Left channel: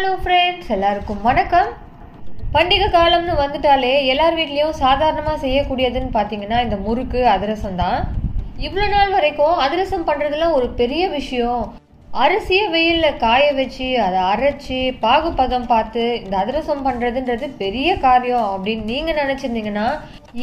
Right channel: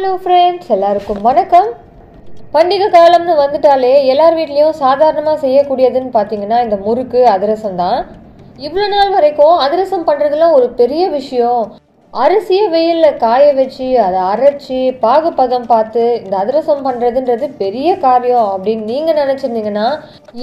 Hello friends, எல்லாருக்கும் வணக்கம். பண்டிகை காலம்னு வந்துட்டாலே எல்லார் வீட்லேயும் சாதாரணமாக செய்யக்கூடியதுன்னு பார்த்தீங்கன்னா இந்த முறுக்கு அதிரசம் தான். இவ்வளோ நாள் வரைக்கும் அதிரசம் பண்ணுறதுலாம் ஒரு பெரிய விஷயம். அரிசியை வெயிலில் காய வச்சு அதை அரைச்சி பாகுபதம் பார்த்து இந்த அதிரசம் பண்ணுறதுன்றது பெரிய காரியம் அப்படின்னு நீங்கள் நினச்சிருந்தீங்கன்னா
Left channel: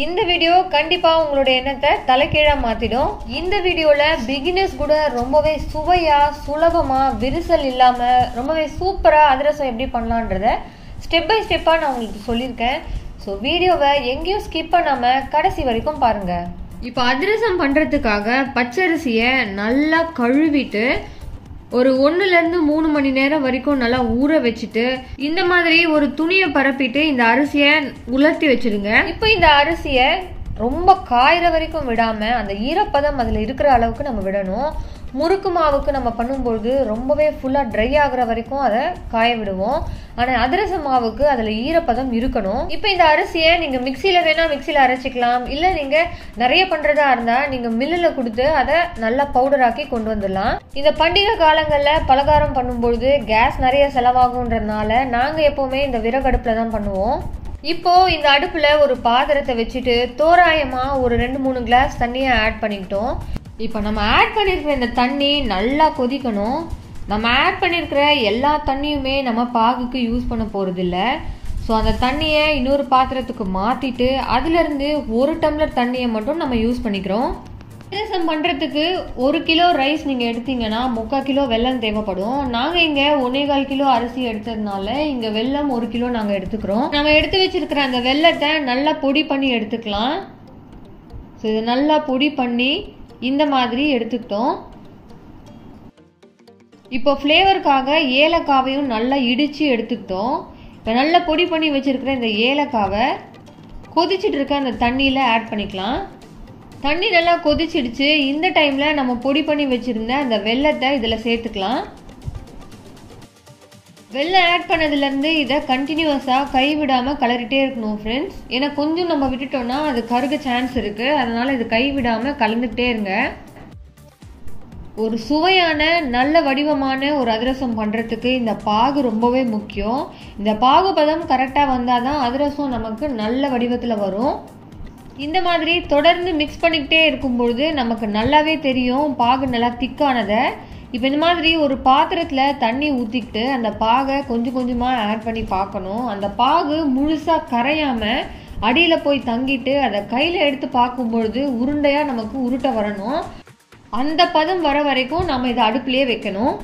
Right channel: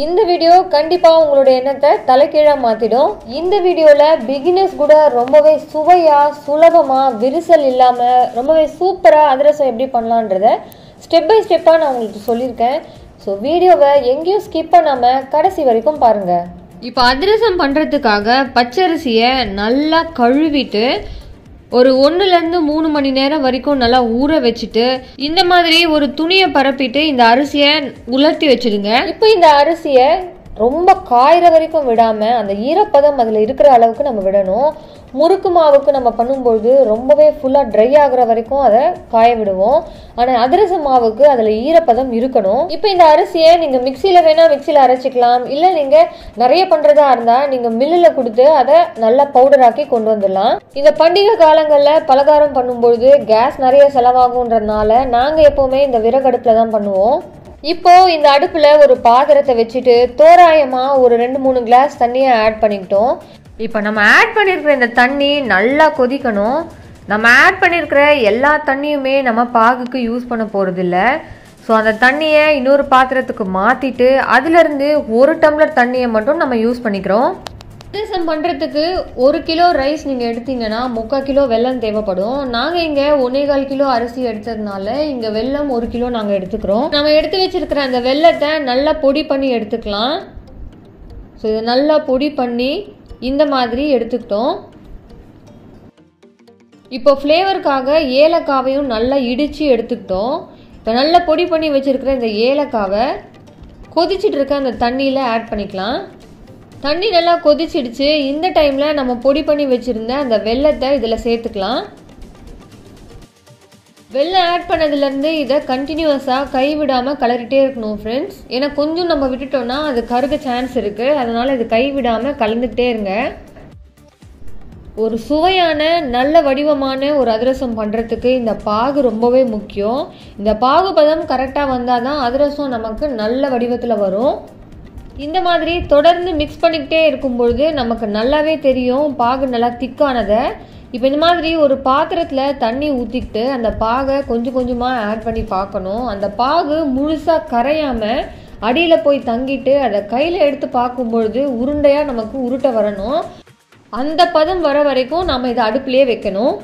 இந்த வீடியோ கண்டிப்பாக உங்களோட எண்ணத்தை தலைகீழாக மாற்றிடும். இந்த வீடியோவில் பிகினர்ஸ் கூட ரொம்பவே சுவையாக சுலபமாக விரிசல் இல்லாமல் ரொம்பவே சூப்பராக அதிரசம் எப்படி பண்ணலான்றத ஸ்டெப் பை ஸ்டெப்பாக நான் உங்களுக்கு சொல்லியிருக்கேன். ஸோ வீடியோவை எங்கேயும் ஸ்கிப் பண்ணாமல் கடைசி வரைக்கும் பாருங்கள். இப்போ அதிரசம் பண்ணுறதுக்காக பச்சரிசியை நல்லா கழுவிட்டு ஒரு 1-3 மணி நேரம் வரைக்கும் நல்லா ஊற வச்சுட்டு இந்த மாதிரி ஒரு துணியை பரப்பிட்டு இந்த அரிசியை உலர்த்தி வச்சிடுங்க. இப்போ இந்த அரிசியை ரொம்ப காயிற வரைக்கும் விடாம அந்த ஈரப்பதம் அதுல இருக்கிற அளவுக்கு நம்ம விடணும். முறுக்கு மாவுக்கு நம்ம பண்ணும்போது ரொம்பவே ஃபுல்லா ட்ரை ஆகுற வரைக்கும் அதை காய விடுவோம். ஆனா அதிரச மாவுக்கு அதுல ஈரப்பதம் இருக்கணும். இப்போ இந்த அரிசியை நீங்க மிக்சியில வேணா மிக்சியில அரைச்சிக்கலாம், இல்ல நீங்க நிறைய பண்றதா இருந்தா நீங்க மில்லுல கொடுத்து அதை நல்லா பவுடர் ஆக்கி கொண்டு வந்துடலாம். இந்த பண்டிகை காலங்கள்ல பலகாரம் பண்ணும்போது கேஸ் நிறைய செலவாகும்ன்றதுனால நாங்க எப்பவுமே இந்த விறகடுப்புல தான் பண்ணுவோம். இப்போ இந்த அடுப்புல ஒரு பாத்திரத்தை வச்சுட்டு தோராயமா ஒரு 2-3 கிளாஸ் தண்ணியை ஆட் பண்ணிக்கிட்டோம். இப்போ நம்ம ஆட் பண்ணியிருக்கிற இந்த தண்ணி நல்லா கொதிக்கணும். நம்ம ஆட் பண்ணியிருக்கிற எல்லா தண்ணியுமே நம்ம பாகுக்கு யூஸ் பண்ண போகிறது இல்லை. ஸோ அந்த தண்ணியை இன்னொரு பாத்திரத்துக்கு மாற்றிட்டு அதுலேருந்து 1 டம்ளர் தண்ணியை மட்டும் நம்ம யூஸ் பண்ணிக்கிறோம். அதிரசம் பண்ணுறதுக்கு 1 கிலோ ரைஸ் நீங்கள் எடுத்தீங்கன்னா 3/4 கிலோ வெல்லம் தேவைப்படும். நாங்கள் இங்கே 1.25 கிலோ அரிசி எடுத்ததுனால இங்கே வெல்லம் 1 கிலோ நாங்கள் எடுத்துக்கிறோம். நம்ம எடுத்து வச்சிருக்கிற அந்த வெல்லத்தை நல்லா பொடி பண்ணி எடுத்துக்கலாம். ஸோ இதை நல்லா பொடி பண்ணி இந்த மாதிரி எடுத்துக்கிட்டோம். இப்போ ஃப்ளேவருக்காக ஏலக்காவையும் நல்லா இடித்து எடுத்துக்கிட்டோம். இப்போ நல்லா பொடி பண்ணி வச்சிருக்கிற இந்த ஏலக்காவை கொதிச்சுட்டு இருக்க அந்த தண்ணியில் ஆட் பண்ணிக்கலாம். தண்ணி நல்லா கொதிச்சிடுச்சு. இந்த டைமில் நம்ம பொடி பண்ணி வச்சுருந்த அந்த வெல்லத்தை இதில் சேர்த்துக்கலாம். வெல்லம் ஆட் பண்ணதுலேருந்து இதை கண்டினியூஸாக கைவிடாமல் கலரிட்டே இருக்கணும் ஃப்ரெண்ட்ஸ். ஏன்னா கொஞ்சம் நம்ம விட்டுட்டோம்னா அது கருக சான்ஸ் இருக்குது. அதனால் இது கைவிடாமல் கலந்துக்கிட்டே இருங்க. ஒரு சுவையான நல்ல வடிவமான ஒரு அதிரசம் பண்ணுறதுக்கு இந்த பாகு ரொம்பவே முக்கியம். இந்த பாகுபதம் கரெக்டாக வந்தால் தான் அதிரசம் நமக்கு நல்ல வடிவத்தில் வரும். இந்த மாதிரி தொடர்ந்து மிக்ஸ் பண்ணிக்கிட்டே இருக்கும்பொழுது நமக்கு நல்லாவே தெரியும் பாகு நல்லா திக்கானதை. இப்போ இந்த மாதிரி ஒரு பாத்திரத்தில் தண்ணி ஊற்றிக்கிட்டு அந்த பாகை கொஞ்சம் கொஞ்சமாக ஆட் பண்ணி பார்க்கணும். அந்த பாகு முழுசாக கரையாமல் அடியில் போய் தங்கிட்டு அதை கையில் எடுத்து பார்க்கும்பொழுது உருண்டையாக நமக்கு உருட்ட வரணும். அந்த பதம் வர வரைக்கும் நம்ம இதை அடுப்புலேயே வைக்கணும்.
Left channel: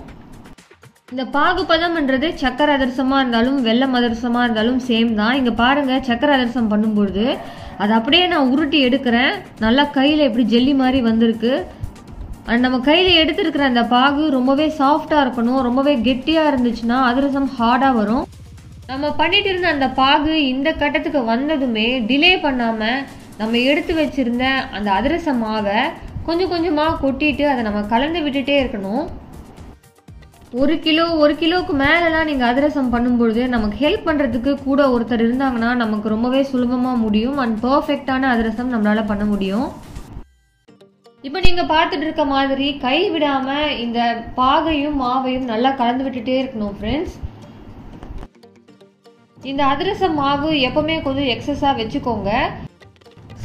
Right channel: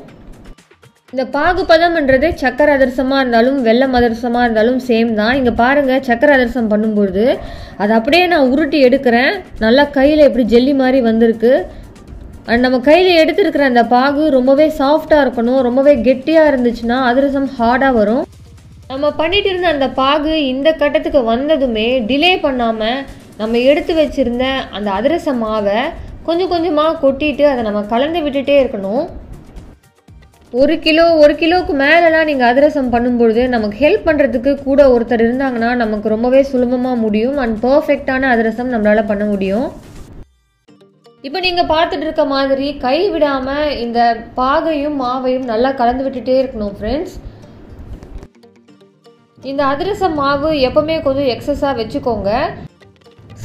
இந்த பாகு பதம்ன்றது சக்கரை அதிரசமாக இருந்தாலும் வெல்லம் அதிரசமாக இருந்தாலும் சேம் தான். இங்கே பாருங்கள், சக்கரை அதிரசம் பண்ணும்பொழுது அதை அப்படியே நான் உருட்டி எடுக்கிறேன். நல்லா கையில் எப்படி ஜெல்லி மாதிரி வந்திருக்கு. நம்ம கையில் எடுத்துருக்கிற அந்த பாகு ரொம்பவே சாஃப்டாக இருக்கணும். ரொம்பவே கெட்டியாக இருந்துச்சுன்னா அதிரசம் ஹார்டாக வரும். நம்ம பண்ணிட்டு இருந்த அந்த பாகு இந்த கட்டத்துக்கு வந்ததுமே டிலே பண்ணாமல் நம்ம எடுத்து வச்சுருந்த அந்த அதிரச மாவை கொஞ்சம் கொஞ்சமாக கொட்டிட்டு அதை நம்ம கலந்து விட்டுட்டே இருக்கணும். 1 கிலோவுக்கு மேலெலாம் நீங்கள் அதிரசம் பண்ணும்பொழுது நமக்கு ஹெல்ப் பண்ணுறதுக்கு கூட ஒருத்தர் இருந்தாங்கன்னா நமக்கு ரொம்பவே சுலபமாக முடியும் அண்ட் பர்ஃபெக்டான அதிரசம் நம்மளால் பண்ண முடியும். இப்போ நீங்கள் பார்த்துட்டு இருக்க மாதிரி கை விடாமல் இந்த பாகையும் மாவையும் நல்லா கலந்து விட்டுட்டே இருக்கணும் ஃப்ரெண்ட்ஸ். இந்த அதிரசம் மாவு எப்பவுமே கொஞ்சம் எக்ஸஸாக வச்சுக்கோங்க.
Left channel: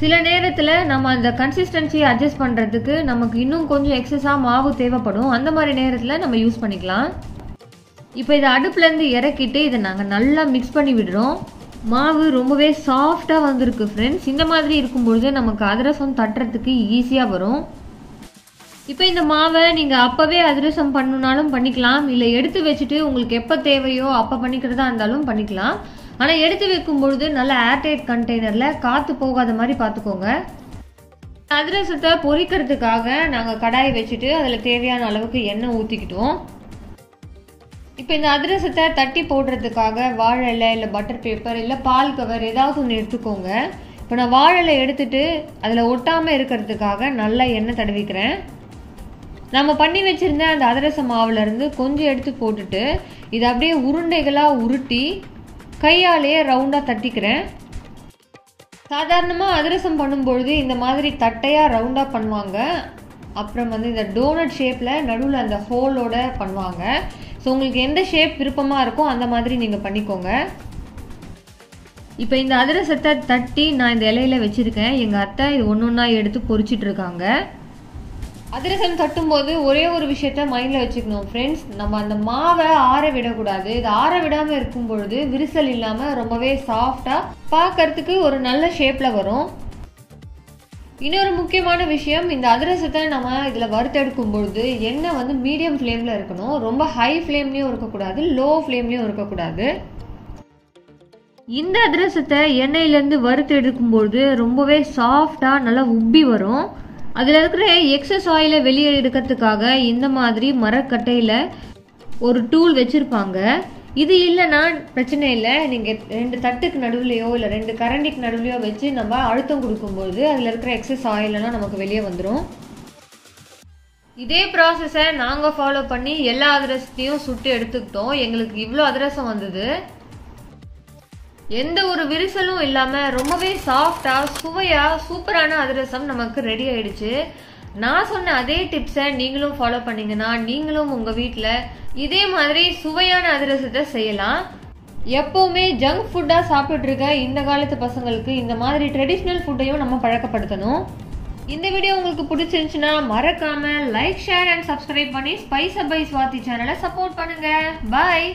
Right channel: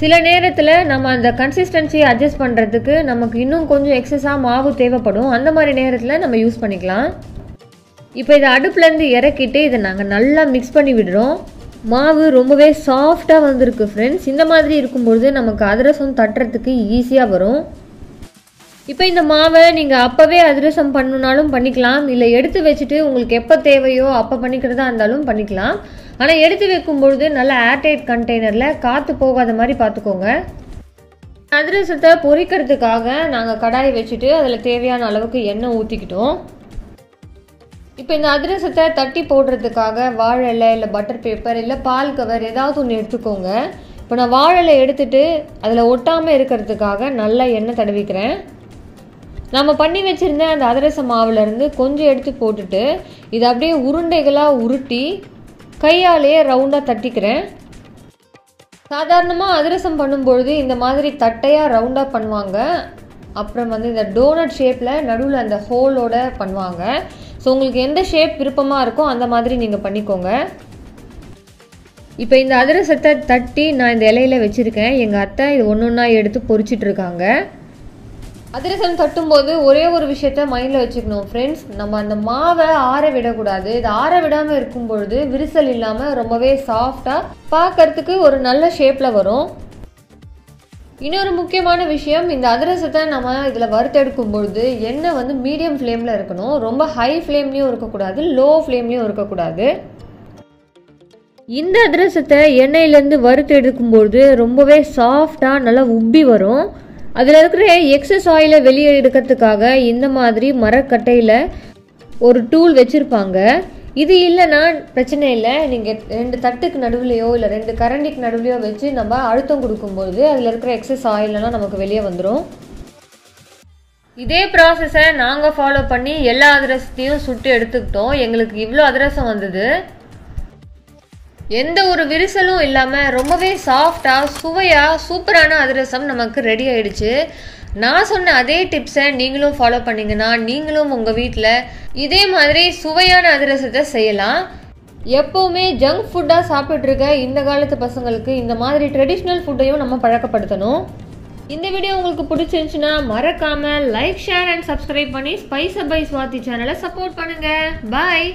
சில நேரத்தில் நம்ம அந்த கன்சிஸ்டன்சியை அட்ஜஸ்ட் பண்ணுறதுக்கு நமக்கு இன்னும் கொஞ்சம் எக்ஸஸாக மாவு தேவைப்படும். அந்த மாதிரி நேரத்தில் நம்ம யூஸ் பண்ணிக்கலாம். இப்போ இதை அடுப்புலேருந்து இறக்கிட்டு இதை நாங்கள் நல்லா மிக்ஸ் பண்ணி விடுறோம். மாவு ரொம்பவே சாஃப்டாக வந்திருக்கு ஃப்ரெண்ட்ஸ். இந்த மாதிரி இருக்கும்பொழுது நமக்கு அதிரசம் தட்டுறதுக்கு ஈஸியாக வரும். இப்போ இந்த மாவை நீங்கள் அப்போவே அதிரசம் பண்ணணுன்னாலும் பண்ணிக்கலாம், இல்லை எடுத்து வச்சுட்டு உங்களுக்கு எப்போ தேவையோ அப்போ பண்ணிக்கிறதா இருந்தாலும் பண்ணிக்கலாம். ஆனால் எடுத்து வைக்கும்பொழுது நல்லா ஏர்டைட் கண்டெய்னரில் காற்று போகாத மாதிரி பார்த்துக்கோங்க. அதிரசத்தை பொரிக்கிறதுக்காக நாங்கள் கடாயை வச்சுட்டு அதில் தேவையான அளவுக்கு எண்ணெய் ஊற்றிக்கிட்டோம். இப்போ இந்த அதிரசத்தை தட்டி போடுறதுக்காக வாழை இலை இல்லை பட்டர் பேப்பர் இல்லை பால் கவர் ஏதாவது ஒன்று எடுத்துக்கோங்க. இப்போ நான் வாழை இலை எடுத்துட்டு அதில் ஒட்டாமல் இருக்கிறதுக்காக நல்லா எண்ணெய் தடவிக்கிறேன். நம்ம பண்ணி வச்சுருந்த அந்த அதிரச மாவுலேருந்து கொஞ்சம் எடுத்து போட்டுட்டு இதை அப்படியே உருண்டைகளாக உருட்டி கையாலேயே ரவுண்டாக தட்டிக்கிறேன். சாதாரணமாக அதிரசம் பண்ணும்பொழுது இந்த மாதிரி தட்டையாக ரவுண்டாக பண்ணுவாங்க. அப்புறம் இந்த டோனட் ஷேப்பில் நடுவில் அந்த ஹோலோட பண்ணுவாங்க. ஸோ உங்களுக்கு எந்த ஷேப் விருப்பமாக இருக்கோ அந்த மாதிரி நீங்கள் பண்ணிக்கோங்க. இப்போ இந்த அதிரசத்தை தட்டி நான் இந்த இலையில வச்சுருக்கேன். எங்கள் அத்தை இது ஒன்றா எடுத்து பொரிச்சிட்டு இருக்காங்க. அதிரசம் தட்டும்போது ஒரே ஒரு விஷயத்த மைண்டில் வச்சுக்கணும் ஃப்ரெண்ட்ஸ், நம்ம அந்த மாவை ஆற விடக்கூடாது. இது ஆற விடாமல் இருக்கும் பொழுது விரிசல் இல்லாமல் ரொம்பவே சாஃப்டாக பார்க்கறதுக்கு ஒரு நல்ல ஷேப்பில் வரும். இன்னொரு முக்கியமான விஷயம், இந்த அதிரசத்தை நம்ம இதில் வறுத்தெடுக்கும் பொழுது எண்ணெய் வந்து மீடியம் ஃப்ளேமில் இருக்கணும். ரொம்ப ஹை ஃப்ளேம்லேயும் இருக்கக்கூடாது, லோ ஃப்ளேம்லேயும் இருக்கக்கூடாது. இந்த அதிரசத்தை எண்ணெயிலேருந்து வறுத்து எடுக்கும்பொழுது ரொம்பவே சாஃப்டாக நல்லா உப்பி வரும். அதில் இருக்கிற எக்ஸஸ் ஆயிலை வெளியே எடுக்கிறதுக்காக இந்த மாதிரி மரக்கட்டையில் ஒரு டூல் வச்சுருப்பாங்க. இது இல்லைன்னா பிரச்சனை இல்லை, நீங்கள் 2 தட்டுக்கு நடுவுலையோ இல்லை 2 கரண்டிக்கு நடுவுலையோ வச்சு நம்ம அழுத்தம் கொடுக்கும்பொழுது அதில் இருக்கிற எக்ஸஸ் ஆயிலெல்லாம் நமக்கு வெளியே வந்துடும். இதே ப்ராசஸை நாங்கள் ஃபாலோ பண்ணி எல்லா அதிரசத்தையும் சுட்டு எடுத்துக்கிட்டோம். எங்களுக்கு இவ்வளோ அதிரசம் வந்தது. எந்த ஒரு விரிசலும் இல்லாமல் ரொம்பவே சாஃப்டாக சுவையாக சூப்பரான அதிரசம் நமக்கு ரெடி ஆயிடுச்சு. நான் சொன்ன அதே டிப்ஸை நீங்களும் ஃபாலோ பண்ணிங்கன்னா நீங்களும் உங்கள் வீட்டில் இதே மாதிரி சுவையான அதிரசத்தை செய்யலாம். எப்போவுமே ஜங்க் ஃபுட்டாக சாப்பிட்ருக்க இந்த காலத்து பசங்களுக்கு இந்த மாதிரி ட்ரெடிஷ்னல் ஃபுட்டையும் நம்ம பழக்கப்படுத்தணும். இந்த வீடியோ உங்களுக்கு பிடிச்சிருந்துச்சுன்னா மறக்காமல் லைக், ஷேர் அண்ட் சப்ஸ்கிரைப் பண்ணி ஸ்பைஸ் பை ஸ்வாதி சேனலை சப்போர்ட் பண்ணுங்கள். பாய்.